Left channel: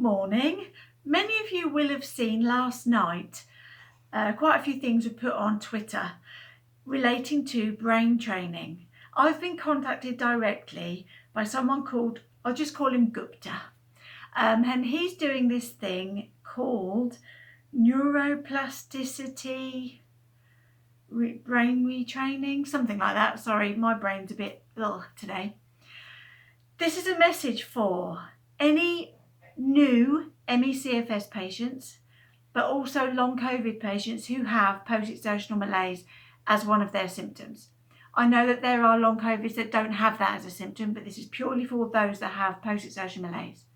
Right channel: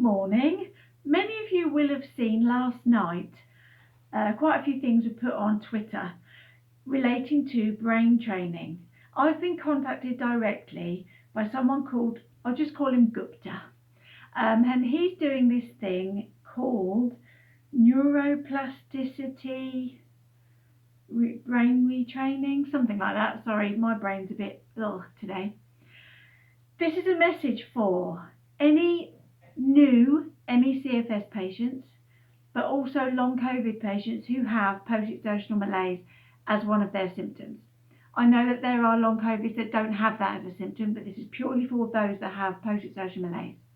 Morning. Many of you will have seen last night quite a few things were put on Twitter relating to brain training. I've been contacted directly by someone called, I'll just call him Gupta, and he's doing this thing called neuroplasticity brain retraining, something like that. Sorry, my brain's a bit ill today. This is a message for any new C.F.S patients, but also long COVID patients who have post-exertional malaise as one of their symptoms. I know that there are long COVIDs that don't have that as a symptom, but this is purely for those that have post-exertion malaise.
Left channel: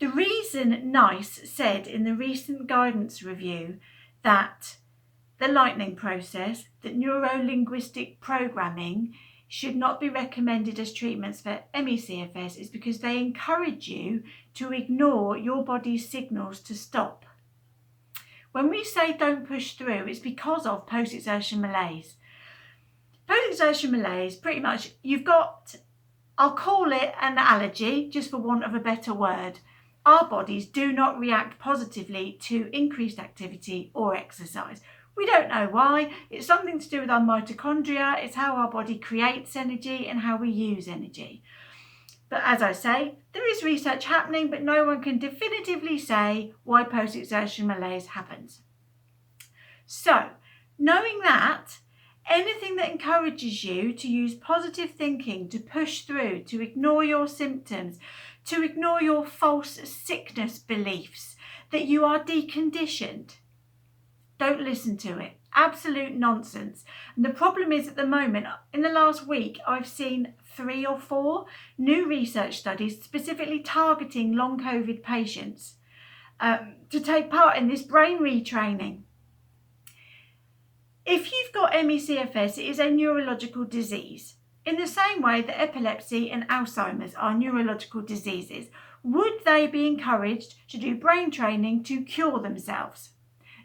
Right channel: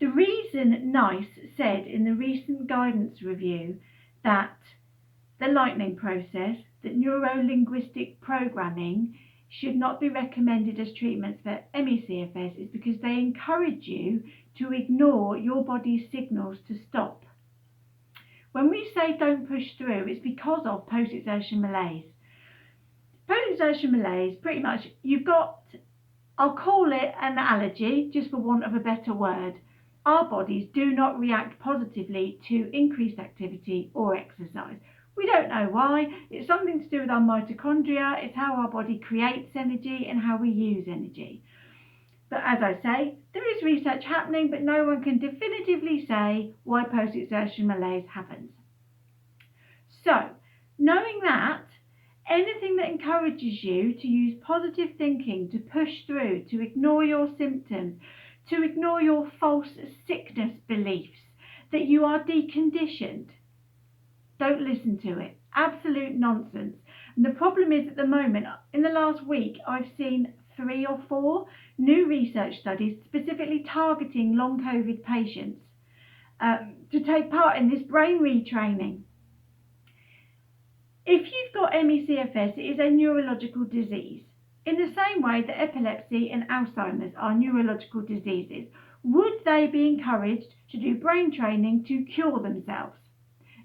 The reason NICE said in the recent guidance review that the lightning process, that neuro-linguistic programming should not be recommended as treatments for ME/CFS is because they encourage you to ignore your body's signals to stop. When we say don't push through, it's because of post-exertion malaise. Post-exertion malaise, pretty much, you've got, I'll call it an allergy, just for want of a better word. Our bodies do not react positively to increased activity or exercise. We don't know why. It's something to do with our mitochondria. It's how our body creates energy and how we use energy. But as I say, there is research happening, but no one can definitively say why post-exertion malaise happens. So, knowing that, anything that encourages you to use positive thinking, to push through, to ignore your symptoms, to ignore your false sickness beliefs, that you are deconditioned, don't listen to it. Absolute nonsense. And the problem is, at the moment, in the last week, I've seen 3 or 4 new research studies specifically targeting long COVID patients to take part in this brain retraining. If you've got ME/CFS, it is a neurological disease. In the same way that epilepsy and Alzheimer's are neurological diseases, would they be encouraged to do brain training to cure themselves?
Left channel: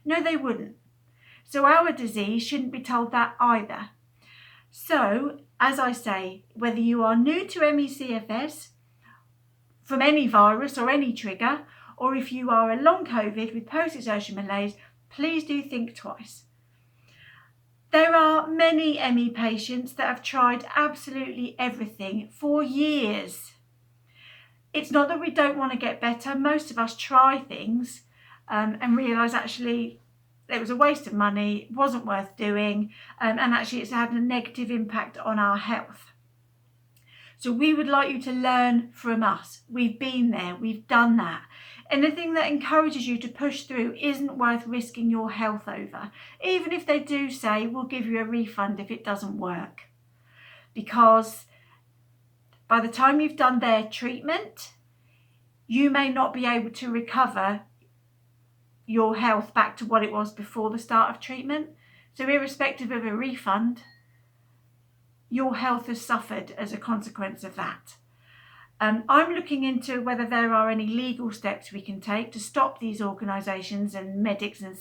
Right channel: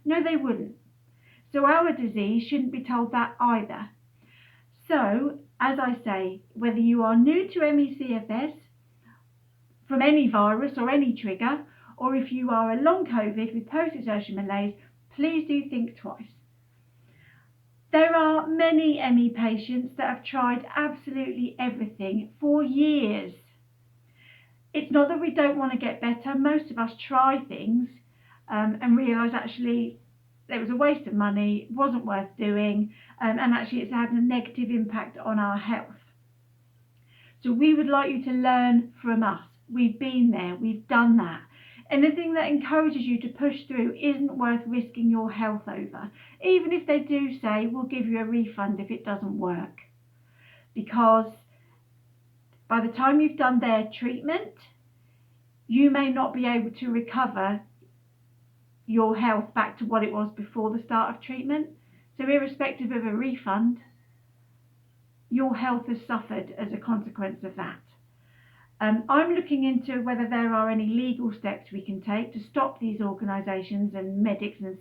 No, they wouldn't. So our disease shouldn't be told that either. So, as I say, whether you are new to ME/CFS from any virus or any trigger, or if you are a long COVID with post-exertion malaise, please do think twice. There are many ME patients that have tried absolutely everything for years. It's not that we don't want to get better. Most of us try things and realise actually it was a waste of money, wasn't worth doing, and actually it's had a negative impact on our health. So we would like you to learn from us. We've been there, we've done that. Anything that encourages you to push through isn't worth risking your health over, even if they do say we'll give you a refund if it doesn't work. Because by the time you've done their treatment, you may not be able to recover your health back to what it was before the start of treatment. So irrespective of a refund, your health has suffered as a consequence of that. I'm looking into whether there are any legal steps we can take to stop these organisations and medics and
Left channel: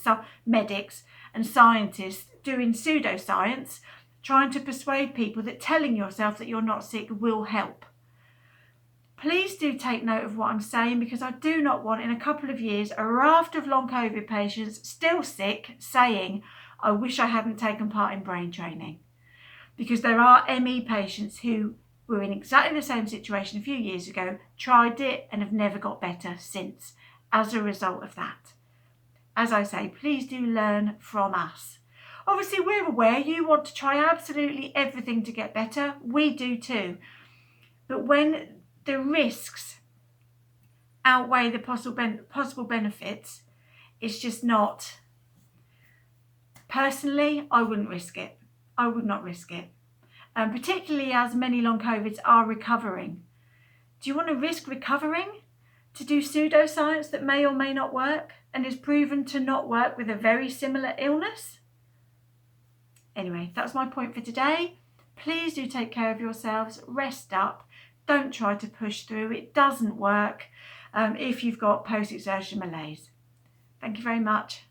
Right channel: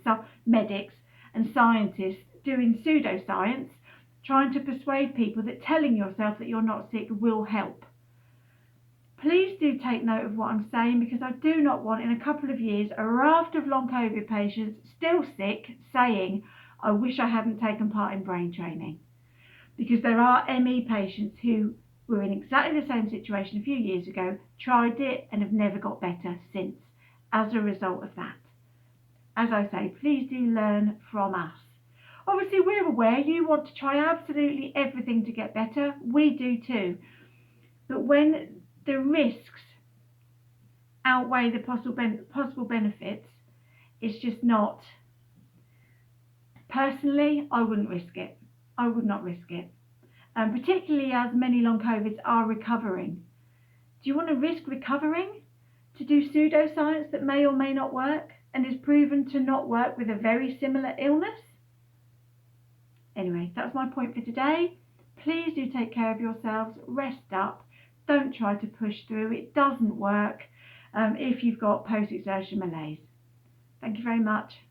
scientists doing pseudoscience, trying to persuade people that telling yourself that you're not sick will help. Please do take note of what I'm saying, because I do not want in a couple of years a raft of long COVID patients still sick saying, I wish I hadn't taken part in brain training. Because there are ME patients who were in exactly the same situation a few years ago, tried it and have never got better since as a result of that. As I say, please do learn from us. Obviously, we're aware you want to try absolutely everything to get better. We do too. But when the risks outweigh the possible benefits, it's just not. Personally, I wouldn't risk it. I would not risk it. Particularly as many long COVIDs are recovering. Do you want to risk recovering to do pseudoscience that may or may not work and is proven to not work with a very similar illness? Anyway, that's my point for today. Please do take care of yourselves, rest up, don't try to push through. It doesn't work if you've got post-exertion malaise. Thank you very much.